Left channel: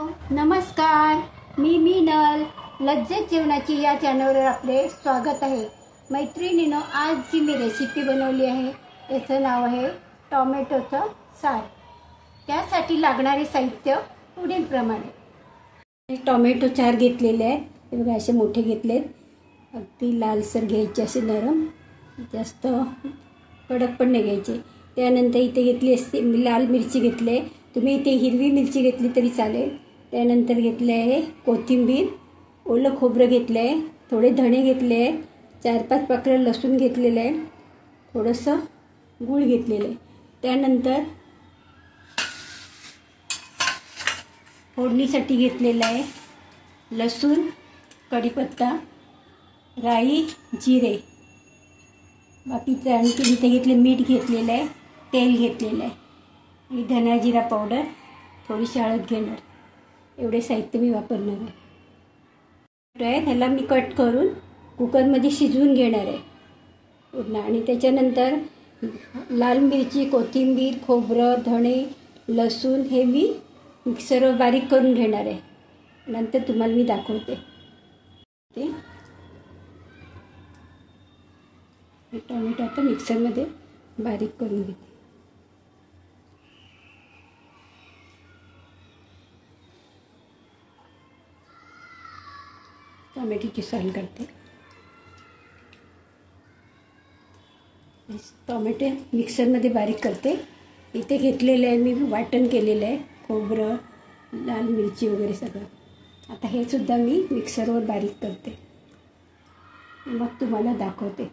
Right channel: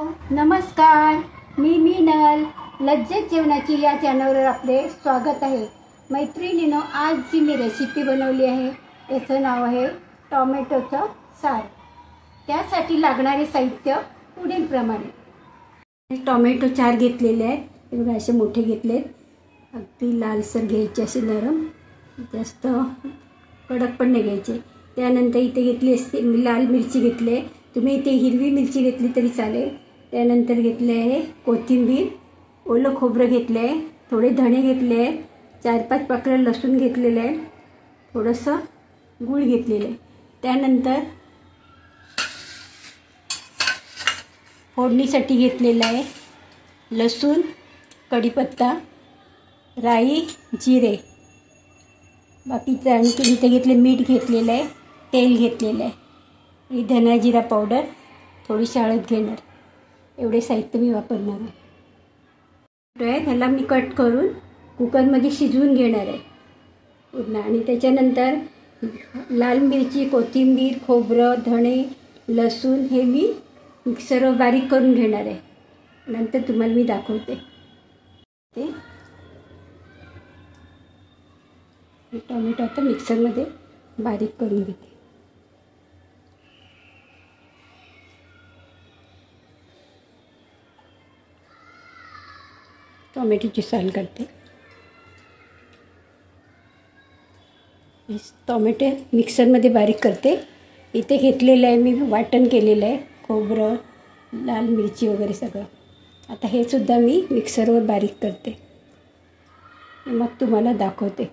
नमस्कार, मी मीनल. लज्जत जेवणाची या चॅनलवर आपले स्वागत आहे. मैत्रिणींनो, आज जी मी रेसिपी बनवली आहे त्याचं नाव आहे टोमॅटोचं सार. त्यासाठी लागणारे साहित्य पुढीलप्रमाणे. टोमॅटो 4 घेतलेले आहेत. हे बघा, असे मोठे घेतलेत. अगदी लालसर घ्यायचे, असे नरम, जास्त कडक पण नाही घ्यायचे. त्यानंतर इथे घेतली असते लाल मिरची घेतली. तुम्ही इथे हिरवी मिरची घेतली तरी चालेल. त्यानंतर घेतले आहे कोथिंबीर, ओलं खोबरं घेतलं आहे, थोडे धणे घेतले आहे, 4-5 पाकळ्या लसूण घेतलेलं आहे, थोडंसं गूळ घेतलेलं आहे. त्यानंतर फोडणीसाठी घेतलेलं आहे लसूण, कढीपत्ता, राई, जिरे. बाकीचं आणखी इथे घेतले मीठ घेतलेलं आहे, तेल घेतलेलं आहे, धना जिरा पावडर, थोडीशी हळद घेणार. एवढे साहित्य मी वापरणार आहे. ह्याला मी कट करून कुकरमध्ये शिजवून घेणार आहे पूर्ण. आणि त्याच्यानंतर लाल मिरची, कोथिंबीर, खोबरं, धणे, लसूण हे मी मिक्सरवर बारीक करून घेणार आहे. नंतर तुम्हाला मी दाखवते. ते टोमॅटो आता मिक्सरमध्ये बारीक करून घेते. टोमॅटोची साल करते. टोमॅटो मिक्सरमध्ये बारीक करते. इथे घेतलेलं आहे मी, वाटण केलेलं आहे, खोबरं, लाल मिरची वगैरे सगळं. आता हे सुद्धा मी मिक्सरवर बारीक करते, मग तुम्हाला दाखवते.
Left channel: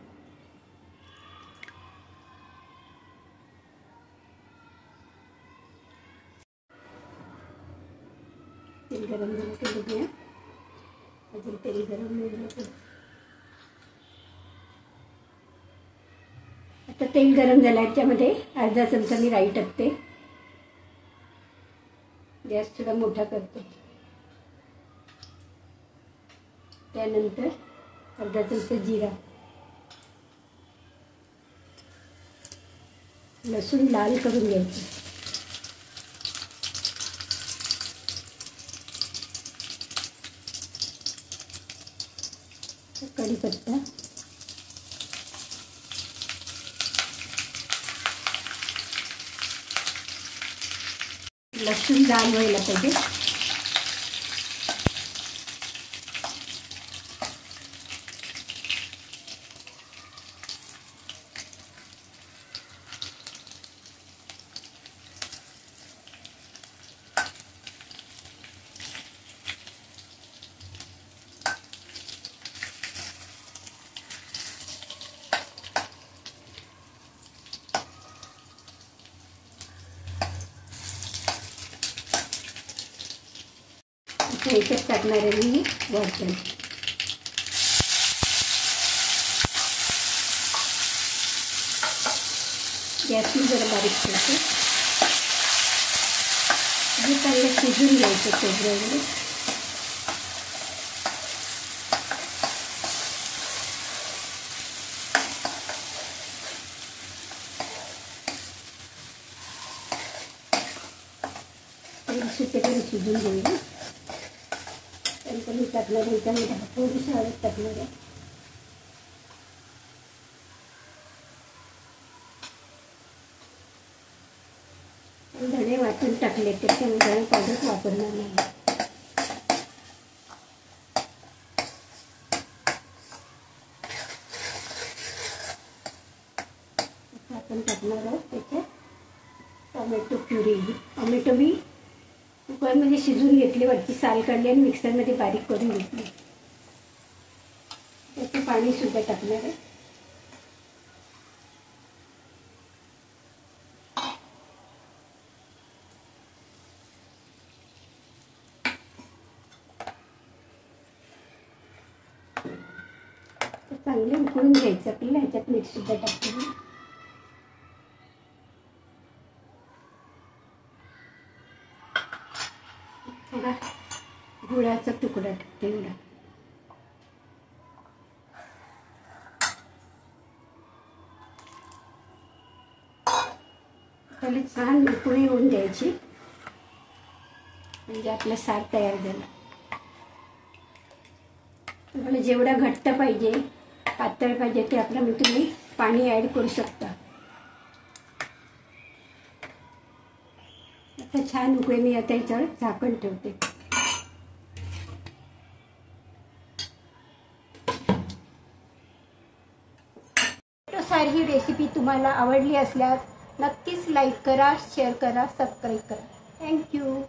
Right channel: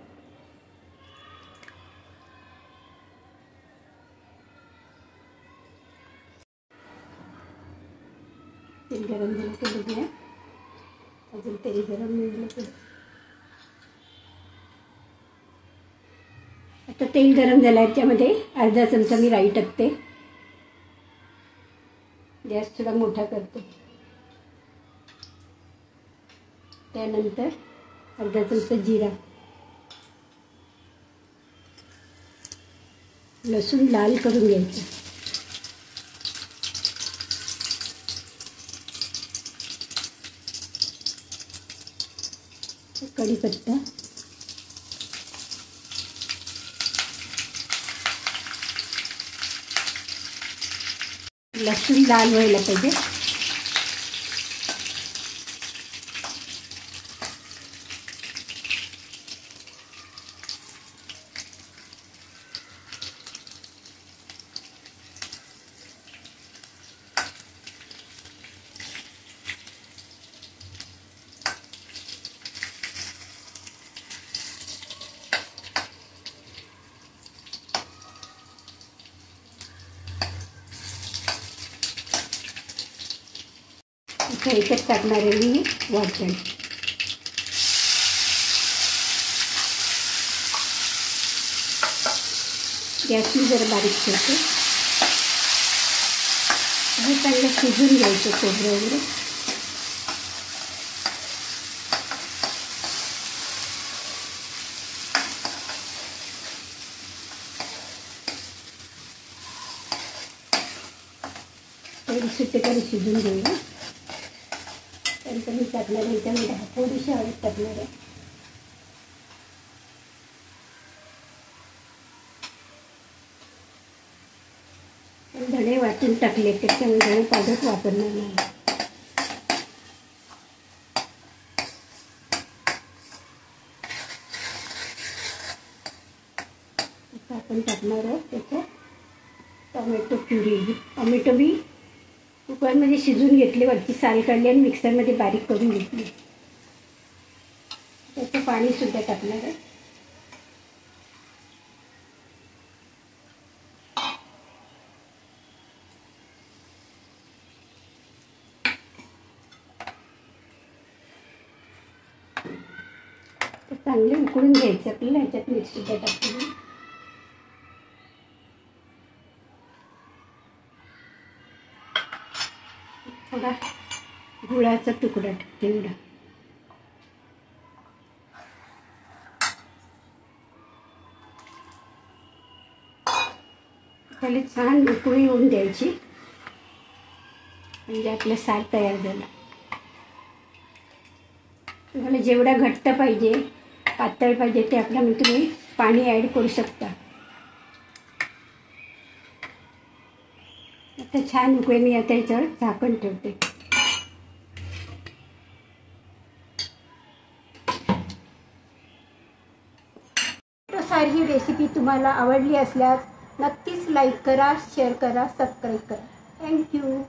तेल गरम केलं, अजून तेल गरम नाही झालं. आता तेल गरम झालं, याच्यामध्ये अर्धा चमचा मी राई टाकते. गॅस थोडा मोठा करते. त्यानंतर अर्धा चमचा जिरा, लसूण लाल करून घ्यायचं. कढीपत्ता, लसूण लाल व्हायला पाहिजे. ह्याच्यात टाकणार आहे मी वाटण. गॅस मी जरा बारीक करते. हे चांगलं शिजून घ्यायचं खोबरं वगैरे. सुट्टे तरी शिजून घेऊया. मी टाकणार आहे त्यामध्ये थोडीशी हळद टाकणार आहे. धणे वाटून टाकले, त्याच्यामध्ये पावडर वापरणार नाही. आपण टाकणार आहोत त्याच्यात टोमॅटो प्युरी. टोमॅटो बी कुकरमध्ये शिजून घेतले, वरची साल काढली आणि मिक्सरमध्ये बारीक करून घेतली. त्याचं पाणी सुद्धा टाकणार आहे. चांगले उकळून घ्यायचं आपल्याला. ह्याच्यात मीठ सुद्धा टाकते. थोडा गुळाचा तुकडा टाकते. एवढा त्याला छान उकळी होऊन द्यायची. म्हणजे आपलं सार तयार झालं. तुम्हाला जेवढा घट्ट पाहिजे पातळ पाहिजे त्याप्रमाणे तुम्ही पाणी ॲड करू शकता. आता छान उकळे. मी आता याच्यावर झाकण ठेवते. सारी रेसिपी तुम्हाला आवडली असल्यास नक्कीच लाईक करा, शेअर करा, सबस्क्राईब करा. थँक्यू.